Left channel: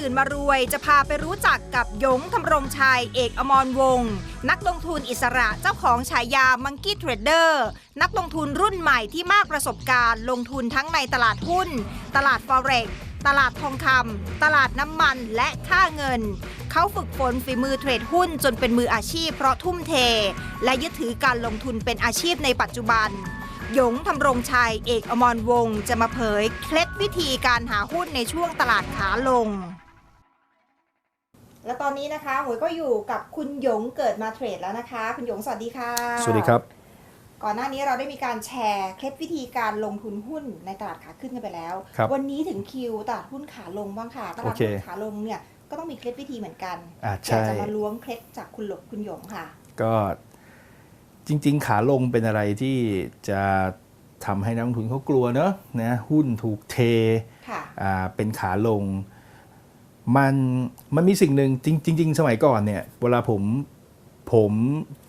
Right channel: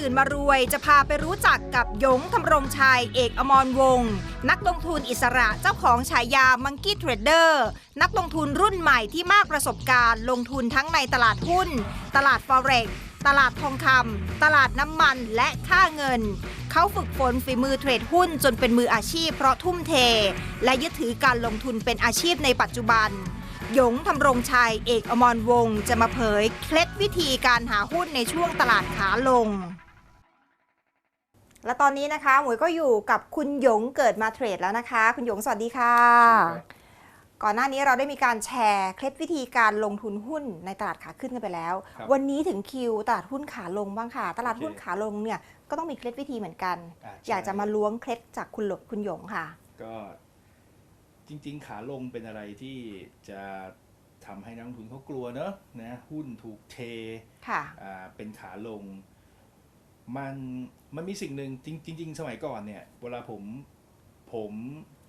ตื่นมารวย จะพาไปรู้จักกับยงทำรงชัย เอกอมรวงศ์นักลงทุนอิสระเจ้าของฉายามังกี้เทรดเดอร์นักลงทุนรุ่นใหม่ที่มากประสบการณ์ ลงทุนทั้งในตลาดหุ้น ตลาดฟอเร็กตลาดทองคำตลาดน้ำมันและค่าเงิน เขาฝึกฝนฝีมือเทรดหุ้นจนเป็นมืออาชีพเพราะทุ่มเท และยึดถือการลงทุนเป็นอาชีพในปัจจุบันยงทำรงชัย เอกอมรวงศ์จะมาเผย เคล็ดวิธีการหาหุ้นในช่วงตลาดขาลง และตอนนี้นะคะหมวยก็อยู่กับคุณหยงเกิดมาเทรดแล้วนะคะ คุณหยงสวัสดีค่ะสวัสดีครับ ก่อนหน้านี้เราได้มีการแชร์เคล็ดวิธีการลงทุนหุ้นในตลาดขาขึ้นกันไปแล้ว ครับวันนี้ถึงคิวตลาดหุ้นขาลงบ้างค่ะ ตลาดโอเคหุ้นขาลงเนี่ยก็ต้องมีเคล็ดวิธีเหมือนกันอ่าอยาใช่กจะมาล้วงเคล็ดจากคุณหลกคุณหยงค่ะ ก็จริง ๆ ขาลงเป็นอะไรที่จะทำให้นักลงทุนเขากลัวเนอะนะหุ้นถูกเทค่ะ อ่าเป็นขาลง มันมันมีสิ่งหนึ่งจริงจริงสมัยก่อนเนี่ย เวลาผมผม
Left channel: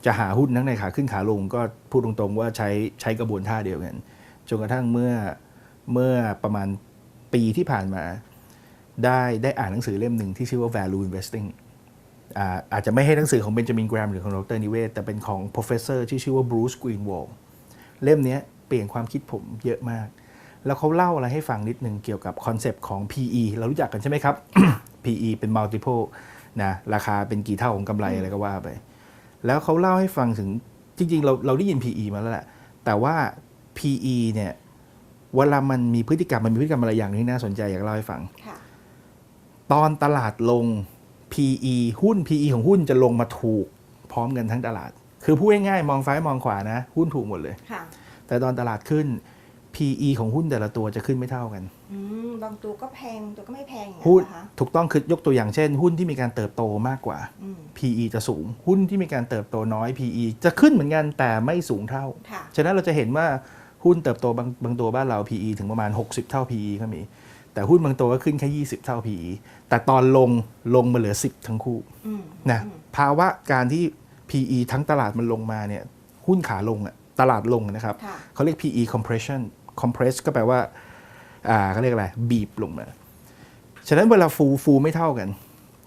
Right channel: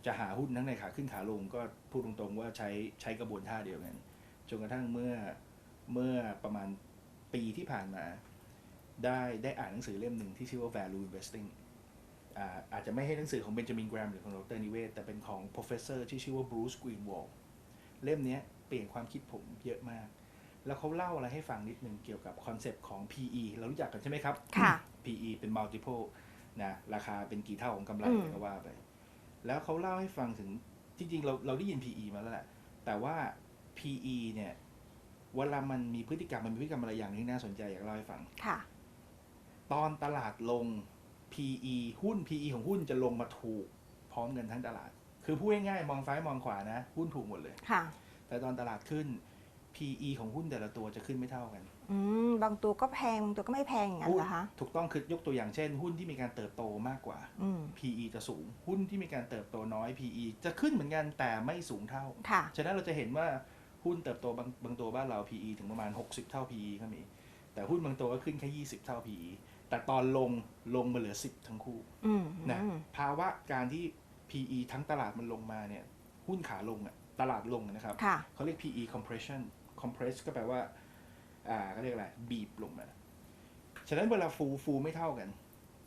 จะหาหุ้นทั้งในขาขึ้นขาลง ก็พูดตรงๆว่าใช้ใช้กระบวนท่าเดียวกันจนกระทั่งเมื่อเมื่อประมาณปีที่ผ่านมา ได้ได้อ่านหนังสือเล่มหนึ่งที่ชื่อว่า value investing อาอาจจะไม่ให้หนังสือของเบนจามินแกรมหรือของดรนิเวศ แต่เป็นของ professor ที่ชื่อว่า Bruce Greenwald เล่มนี้เปลี่ยนความคิดผมเยอะมาก แล้วเขาเล่าอะไรให้ฟังนิดนึงเกี่ยวกับคอนเซปต์ของ PE เรารู้จักกันใช่ไหมครับ PE เป็น multiple นะราคาเป็นกี่เท่าของกำไรอืมอะไรก็ว่าไป แล้วเขาเล่าให้ฟังถึงจริง ๆ เราเราได้ยิน PE มาแล้วแหละ แต่ว่า PE เนี่ยเวลามันมีพฤติกรรมมันมีพฤติกรรมอะไรอย่างที่น่าสนใจอยากเล่าให้ฟังค่ะตอนตลาดลง PE หุ้น PE ของหุ้นจะลงมาถูกพร้อมกันทั้งตลาด คือพูดง่ายๆมองซ้ายมองขวานะ หุ้นถูกหมดเลยค่ะแต่ตอนตลาดขึ้น PE ของหุ้นแต่ละตัวจะขึ้นไม่เท่ากัน อืมบางตัวก็แพงบางตัวก็ไม่แพงอย่างหุ้นี้นนเหรอคะถูกต้องคือยกตัวอย่างเช่น หุ้นที่มีการเติบโตมากกว่า อืม PE จะสูง หุ้นที่มีการเติบโตน้อย PE จะขึ้นเหมือนกันแต่ไม่สูงเท่า ค่ะ ฉะนั้นเราจะเห็นว่าหุ้นเติบโตบางบางตัวบ้านเรา PE ถึงประมาณ 60 เท่า PE ก็มี แต่หุ้นบางตัวก็ขึ้นแค่ 20 เท่า PE แต่ตอนลงลงมาเหลือ 10 ทั้งคู่อืมนะอืมภาวะการที่ PE ทั้งตลาดมันลงมาเนี่ยหุ้นขาลงอะตลาดลงนะครับ ค่ะ เขาเรียก PE compression compress ก็แปลว่าอ่าเขาเรียกอะไร บีบลงมา ฉะนั้นเวลาฟูฟูไม่เท่ากัน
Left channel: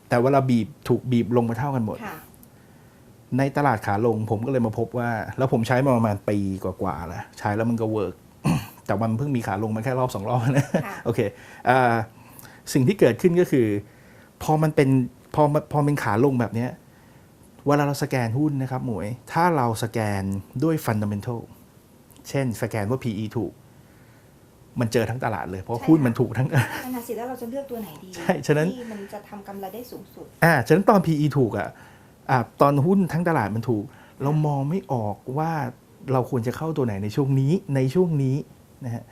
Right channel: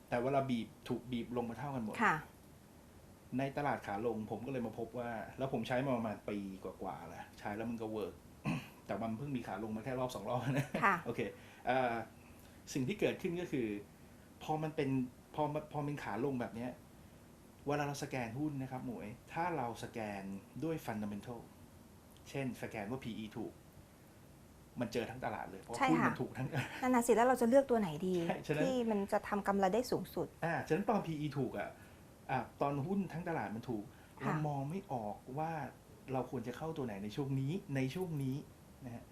แต่เวลาบีบถูกบีบลงมาเท่ากันหมดค่ะในตลาดขาลงผมก็เลยมาพบว่า แล้วผมใช้มาประมาณปีกว่าๆแล้วใช้แล้วมันก็เวิร์กแต่มันเพิ่งมีขาลงมาแค่รอบสองรอบนะค่ะโอเคอ่าสิ่งที่เกิดขึ้นก็คือ พอมันเป็นพอมันพอเป็นขาลงแบบเนี้ยเวลาเราสแกนหุ้นนะครับหมวย ถ้าเราสแกนด้วยฟันดัมเ n นทัลเช่นสแกนว่า PE ถูก มันเจอทั้งตลาดเลยเพราะใช่หุ้นค่ะมันถูกทั้งนั่นน่ะสิแล้วเราจะเลือกตัวไหนดีใช่ฉะนั้นที่มันจะทำกำไรได้สูงสุดอ่าฉะนั้นตอน PE ถูกอะอ่าตอนหุ้นทั้งตลาดมันถูก เรามองไม่ออกว่าเราควรจะเข้าตัวไหนในช่วงนี้ในช่วงนี้นะฮะ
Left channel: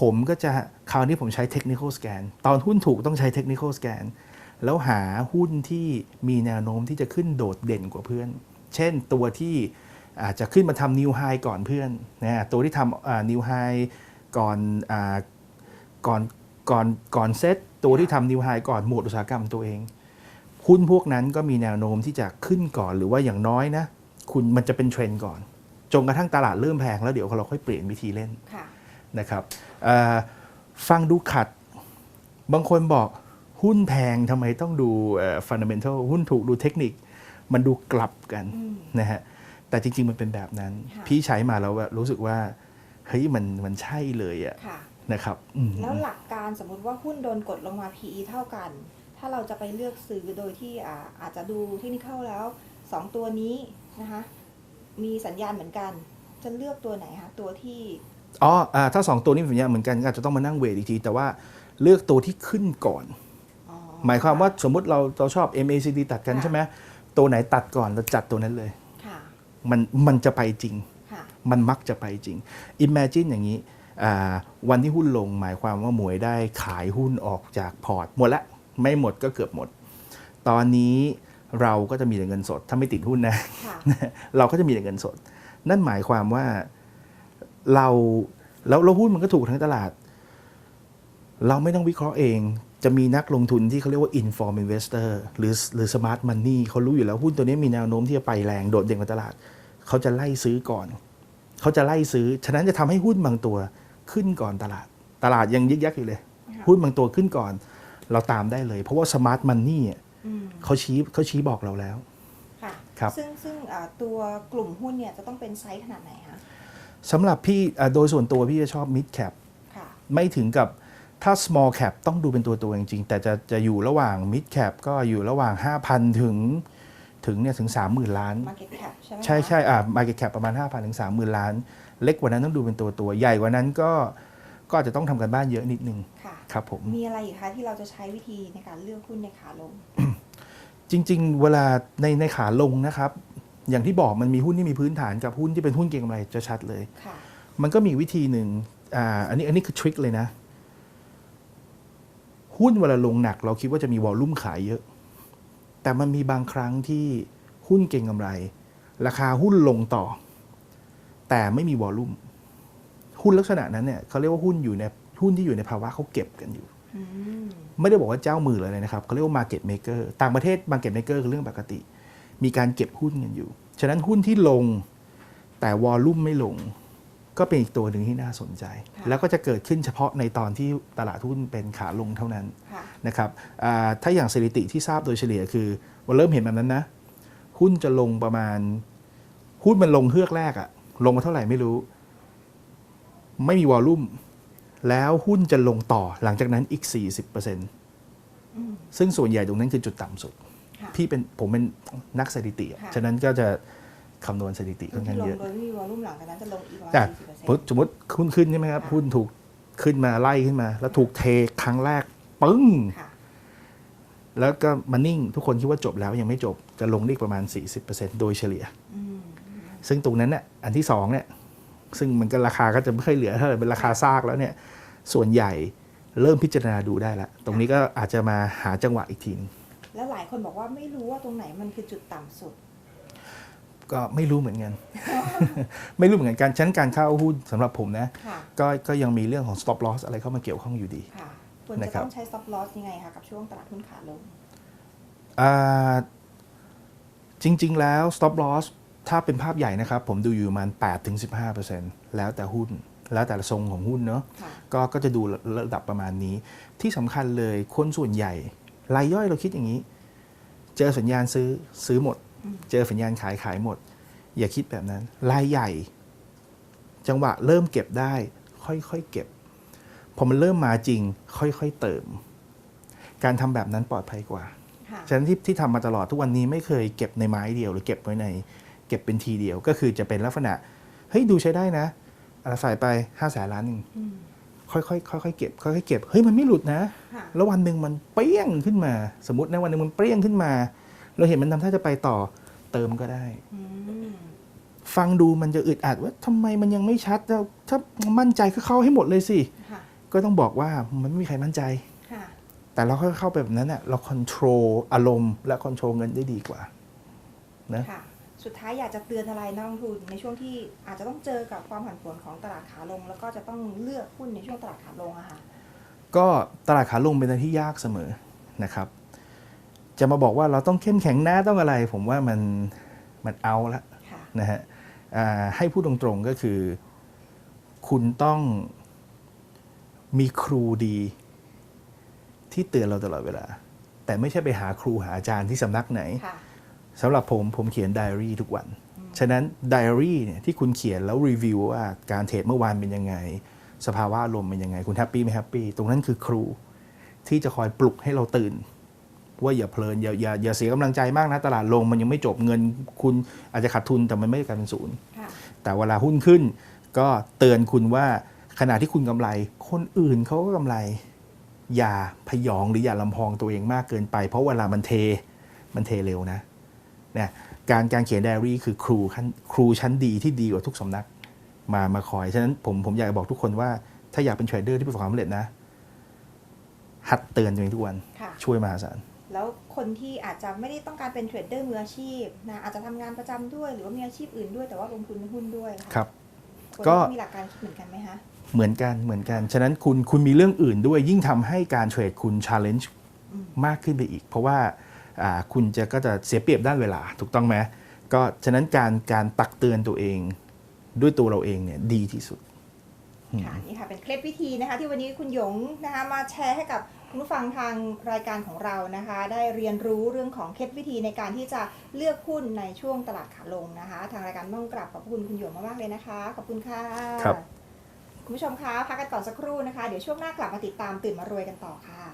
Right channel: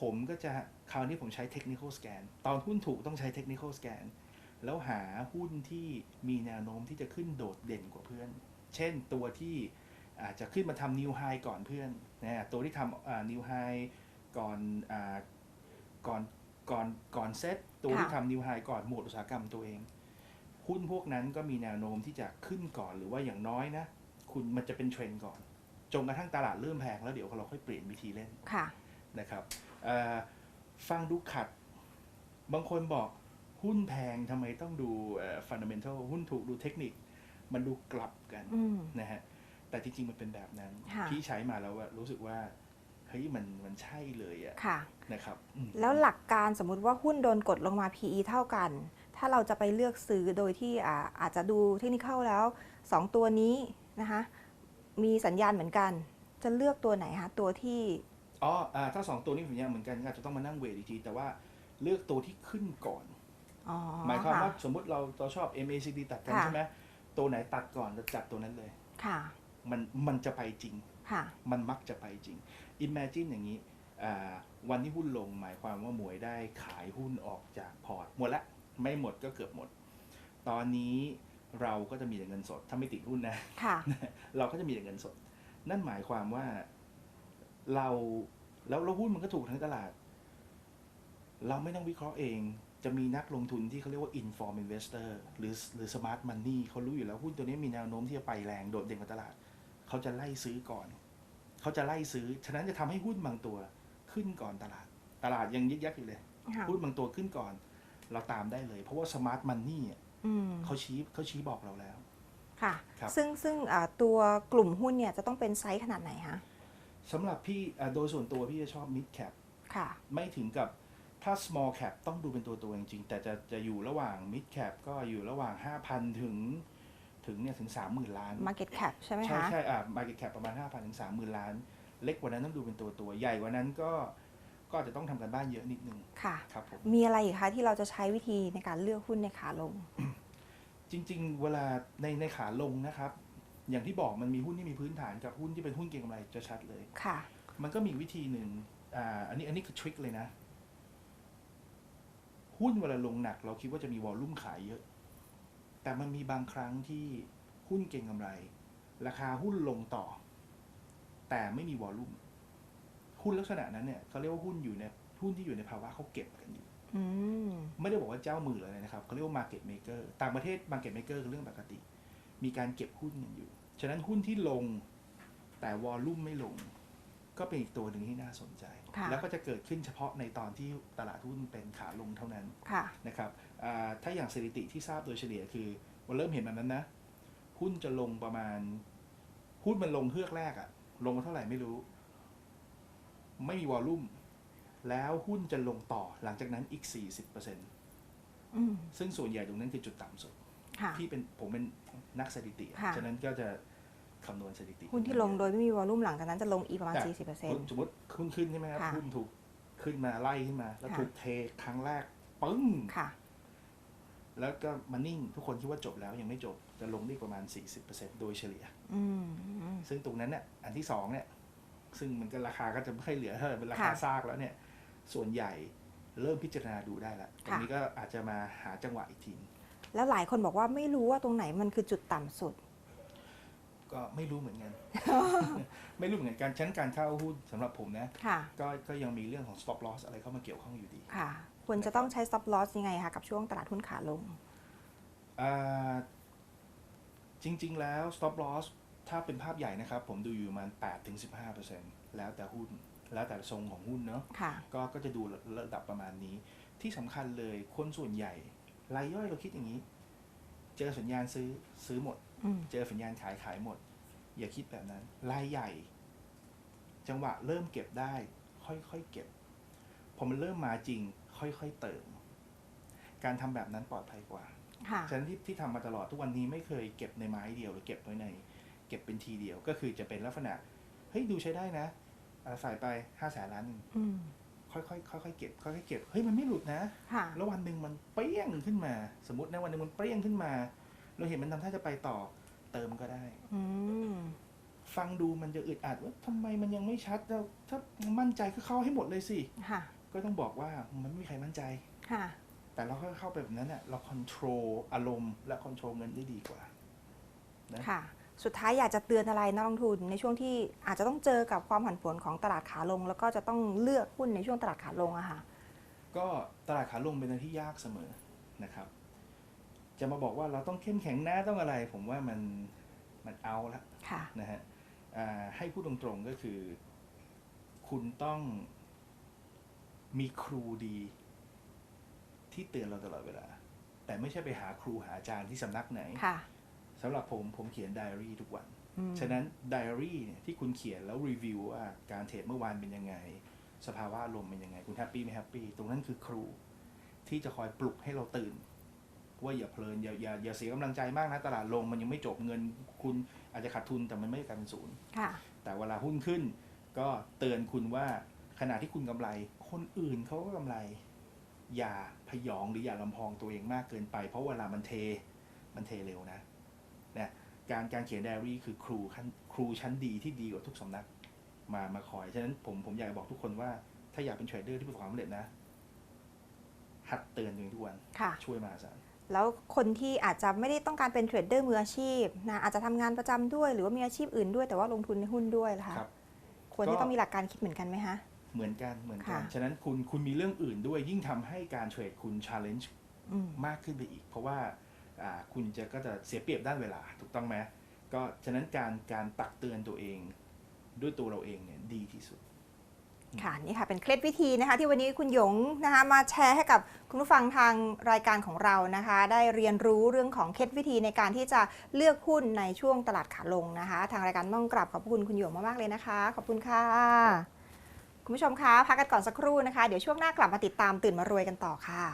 ผมก็จะคราวนี้ผมใช้ technical scan ตอนหุ้นถูกต้องใช้ technical scan แล้วหาหุ้นที่มีแนวโน้มที่จะขึ้นโดดเด่นกว่าเพื่อน เช่นตัวที่อาจจะขึ้นมาทำ new high ก่อนเพื่อนนะตัวที่ทำ new high ก่อนอาก่อนก่อนก่อนเซตตัวที่ทำ new high ก่อนหมวดอุตสาหกรรมตัวเอง หุ้นพวกนั้นก็มีแนวโน้มที่จะขึ้นก่อนหรือว่าอย่างน้อยนะ คุณมันจะเป็นเทรนด์ก่อนจนกระทั่งตลาดเริ่มแพงแล้วเดี๋ยวเราค่อยเปลี่ยนวิธีเล่นค่ะนะครับเอ่อฟังดูขัด บางคนบอกหุ้นแพงทำไมต้องดูฟันดัมเ n นทัลหุ้นถูกดูเทคนิค มันดูกลับกันอืมนะฮะแต่จริง ๆ มันเป็นแบบนั้นค่ะพี่ใช้มาแล้วอะรู้สึกว่า เฮ้ยมันมันใช่เลยอะค่ะนะครับอืมแล้วหลักการสมมุติว่าหุ้นโดนกดลงมา PE เท่ากัน ถ้าเราจะไปเลือกซื้อโดยที่อ่าอาจจะดูเทคนิคแล้ว 2 ตัวนี้นะคะมีสัญญาณเหมือนกัน จะเลือกตัวไหนคะตัวที่อ๋ออ่าถ้าสองตัวนี้เป็นอย่างเหมือนกันก็อาจจะต้องมานั่งเวทอีกทีแต่ว่าเลือกตัวที่ขึ้นก่อนอ๋อหมายความว่าสมมุติเราเราชอบ MACD ตัดกันค่ะใช่ไหมตัวไหนตัดก่อนเราจัดตัวนั้นเลยค่ะมันมันจะไปจริงค่ะ มันมักจะไปจริง Imagine อย่างนี้อ่าวันที่หุ้นลงหมายความว่าหมวยได้ขายหุ้นออกจากพอร์ต หมดละไม่หมดก็เกือบหมด ตอนนี้เราก็จะมีแต่เงินสด ถ้าไม่ติดหุ้นนะค่ะเราก็จะมีแต่เงินสด นั่นหมายความว่าเราแล้วแล้วหุ้นมันก็ถูกทั้งตลาด เราไม่ต้องวิเคราะห์เองจะมีนักลงทุนที่เขาเรียกว่า inform investor หรือหรือ smart money เขารู้อยู่แล้วหุ้นตัวนี้มีแนวโน้มที่จะไปแรงโดดเด่นกว่าตลาด เขาจะไล่ซื้อก่อน เขาจะไล่ซื้อ ฉะนั้นจะทำให้หุ้นบางตัวขึ้นก่อนตลาด ตลาดยังยึกยักอยู่เลยค่ะหุ้นบางตัวขึ้นก่อน เราตามได้เลย เพราะว่าสมาร์ทมันนี่อืมเขาชี้เขาชี้บอกเราแล้วค่ะครับซึ่งซึ่งอ่าตัวกลุ่มหุ้นเนี่ยจะต้องเป็นไซส์ขนาดไหนคะสำหรับพี่อะโดยส่วนตัวพี่จะชอบ mid cap ค่ะไม่ถึงกับถ้า small cap ต้องดูเป็นตัวตัวจริงๆ แต่จะจะอยู่ระหว่าง mid cap ก็อยู่ระหว่าง 5,000 ถึง ถึงเนี่ยถึง 30,000 ล้าน market cap ใช่ไหมคะ ใช่ใช่อ่า market cap ประมาณ 5,000ถึง30,000 ล้าน เล็กกว่านั้นต้องดูเป็นตัวตัวใหญ่กว่านั้นก็ก็อาจจะต้องทำกันบ้านเยอะนิดนึงค่ะ ครับผม มีอะไรอีกคะที่เราจะใช้วิธีในการเลือกหุ้นในขาลง จริง ๆ เวลาในในขาลงนะครับ อย่างที่บอกมันมีหุ้นที่มีพื้นฐานกับหุ้นที่เป็นหุ้นเก็งกำไรจะชัดเลย ค่ะ มันก็มีวิธีหนึ่งอ่าอันนี้อันนี้คือทริคเลยนะ หุ้นเวลาลงหนัก เราคิดว่าจะมีวอลลุ่มขายเยอะ แต่มันมีบางครั้งที่หุ้นเก็งกำไร ราคาหุ้นลงต่อ แต่ไม่มีวอลลุ่มหุ้นลักษณะนั้นเนี่ยเขาเรียกว่าหุ้นอยู่ในหุ้นที่อยู่ในภาวะเขาเก็บกันอยู่อืมไม่ได้บอกว่าเจ้ามือเลยนะครับเขาเรียกว่า market maker ต่างประเทศ market maker คือเรื่องปกติ มีการเก็บหุ้นกันอยู่ ฉะนั้นหุ้นที่ลงแต่วอลลุ่มไม่ลง ก็เป็นอีกตัวหนึ่งที่น่าสนใจค่ะแล้วก็จะเกิดขึ้นเฉพาะในตอนที่ตลาดหุ้นเป็นขาลงเท่านั้นค่ะนะครับอ่าถ้าอย่างสถิติที่ทราบโดยเฉลี่ยคือวันเริ่มเห็นแบบนั้นนะ หุ้นจะลงประมาณ หุ้นมันลงเฮือกแรกอะลงมาเท่าไหร่ไม่รู้ ไม่มีวอลลุ่ม แล้วหุ้นจะลงต่อหลังจากนั้นอีก 40%อืมซึ่งส่วนใหญ่ตรงนั้นคือจุดต่ำสุดค่ะพี่เป็นผมเป็นนักสถิติอะค่ะฉะนั้นก็จะ คำนวณสถิติหุ้ค่อนนข้าที่งลงเยอะโดยไม่มีวอลลุ่มหลังจากนั้นจะลงอีกประมาณอะ40เปอร์เซ็นสมมติต์สมมติหุ้นขึ้นใช่ไหมครับค่ะหุ้นถูกขึ้นมาไล่ขึ้นมา แล้วถูกเทครั้งแรกปึ้งค่ะแล้วก็มานิ่งทุกคนคิดว่าจบแล้วยังไม่จบจะลงได้อีกประมาณ 40%โดยเฉลี่ยอืมซึ่งตรงนั้นเนี่ยอันที่สองเนี่ยซึ่งมันก็ราคาก็จะไม่ค่อยเหลือเท่าไหร่เป็นราคาซากแล้วเนี่ยส่วนใหญ่เริ่มพิจารณาดูได้แล้ว ตรงนี้ก็อาจจะมาหาจังหวะอีกทีนึงแล้วหลายคนบอกว่าไม่รู้ว่าตรงไหนมันคือจุดต่ำสุด ก็ไม่รู้เหมือนกัน ไม่รู้เหมือนกันการชั้นการเข้าหุ้นสำหรับผมนะค่ะก็ก็ยังมีเรื่องของ stop loss อะไรเข้ามาเกี่ยวข้องอยู่ดีค่ะควรจะนะครับต้องใช้ stop loss ยังไงคะกับช่วงตลาดหุ้นขาลงอ่าจริง ๆ แล้ว stop loss ถ้าเป็นภาพใหญ่นะครับ ผมดูอยู่ประมาณ8-15%แล้วแต่หุ้น แล้วแต่ทรงของหุ้นเนาะค่ะก็ก็จะดูระดับประมาณนี้ ที่สำคัญเลยคนส่วนใหญ่รายย่อยเราคิดอย่างนี้ เจอสัญญาณซื้อซื้อหมดอืม เจอสัญญาณขายขายหมด อย่าคิดแบบนั้น รายใหญ่ จังหวะเริ่มเก็บได้ ค่อยๆเก็บ พอมันเริ่มมาจริง ค่อยๆเติม การทำแบบนั้นปลอดภัยกว่าค่ะฉะนั้นที่ที่ทำมาตลอดทุกวันนี้ไม่เคยเก็บในไม้เดียว หรือเก็บไว้ใน เก็บเป็นทีเดียว ก็คือจะเป็นลักษณะ เฮ้ยดูใช้ได้นะเอาใส่ไปห้าแสนล้านหนึ่งอืมค่อยๆค่อยๆเก็บค่อยๆเก็บ เฮ้ยมันไม่หลุดนะค่ะแล้ววันหนึ่งมันเปรี้ยงขึ้นมา สมมตินะวันหนึ่งมันเปรี้ยงขึ้นมา เราเห็นมันทำท่าจะไปต่อเติมก็ได้ อืมฟังดูมันจะอึดอัดว่าทำไมมันยังไม่ชัดแล้วถ้ามั่นใจก็เข้าให้หมดเลยสิ ค่ะก็ต้องบอกว่ามันไม่มีใครมั่นใจ ค่ะ แต่เราค่อยๆเข้าไปแบบนั้นเน่ะเราควบคุมอารมณ์และควบคุมเงินได้ดีกว่า นะ ค่ะ สุดท้ายอยากจะเตือนอะไรนักลงทุนในช่วงที่อาจจะต้องเจอกับความผันผวนของตลาดขาลง แล้วก็จะต้องเลือกหุ้นในช่วงตลาดขาลงอะค่ะ ก็ตลาดขาลงเป็นอะไรที่ยากเสมอนะครับ จะมาบอกว่าเราต้องเข้มแข็งหน้าต้องอะไร ผมว่ามันมันเอาละค่ะนะฮะอ่าให้พูดตรงๆก็คือ คุณต้องมีครูดี ที่เตือนเราตลอดเวลา แต่ไม่ใช่ไปหาครูหาอาจารย์ที่สำนักไหนค่ะสำหรับผมผมเขียนไดอารี่ทุกวันอืมฉะนั้นไดอารี่เนี่ยที่คุณเขียนแล้วรีวิวว่าการเทรดเมื่อวานเป็นยังไง สภาวะอารมณ์เป็นยังไง คุณแฮปปี้ไม่แฮปปี้ ตรงนั้นคือครูที่จะคอยปลุกให้เราตื่น ว่าอย่าเพลินอย่าอย่าอย่าเสียกำลังใจมากนะตลาดลงมันยังไม่จบเงินคุณอาจจะขาดทุนแต่มันไม่ได้กลายเป็นศูนย์ค่ะแต่เวลาหุ้นขึ้น ก็เตือนคุณว่าขณะที่คุณกำไร คนอื่นเขาก็กำไร อย่าพยองหรืออย่าลำพองตัวเองมากเกินไป เพราะเวลามันเทมันเทเร็วนะเนี่ยการการเขียนไดอารี่คือครูขั้นครูชั้นดีที่ดีกว่าทุกสำนักมามาคอย ฉะนั้นผมผมอยากจะบอกทุกคนว่าถ้าอยากเป็นเทรดเดอร์ที่ประสบความสำเร็จนะ หัดเตือนตัวเองทุกวันค่ะช่วยมหาศาล แล้วคนที่อาจจะไม่ได้ต้องการเป็นเทรดเดอร์มืออาชีพนะอาจจะทำงานประจำด้วย หรือว่ามีอาชีพอื่นด้วย แต่ว่าลงทุนในหุ้นด้วยล่ะครับควรก็จะมีหลักการคิดเหมือนกันไหมคะเหมือนกันเหมือนกัน ฉะนั้นคุณคุณมีเรื่องอื่นด้วย ยิ่งทำให้การเทรดคุณช l เลนจ์อืมมากขึ้นไปอีก เพราะว่าอ่าคุณจะก็จะเสียเปรียบด้านเวลาถูกต้องไหมก็ฉะนั้นการการตักเตือนตัวเองด้วยตัวเราเองเนี่ยดีที่สุด ค่ะนี่ค่ะเป็นเคล็ดวิธีนะคะ ที่วันนี้คุณหยงนะคะมาแชร์ให้กับคุณผู้ฟังทางรายการของเรานะคะ ได้เรียนรู้เรื่องของเคล็ดวิธีในการที่จะเลือกหุ้นในช่วงตลาดขาลงนะคะ ทางรายการต้องกราบขอบคุณคุณหยงมากๆเลยนะคะ ขอบคุณค่ะครับคุณผู้ชมคะพักกันก่อนสักครู่นะคะ เดี๋ยวช่วงหน้ากลับมาติดตามตื่นมารวยกันต่อค่ะ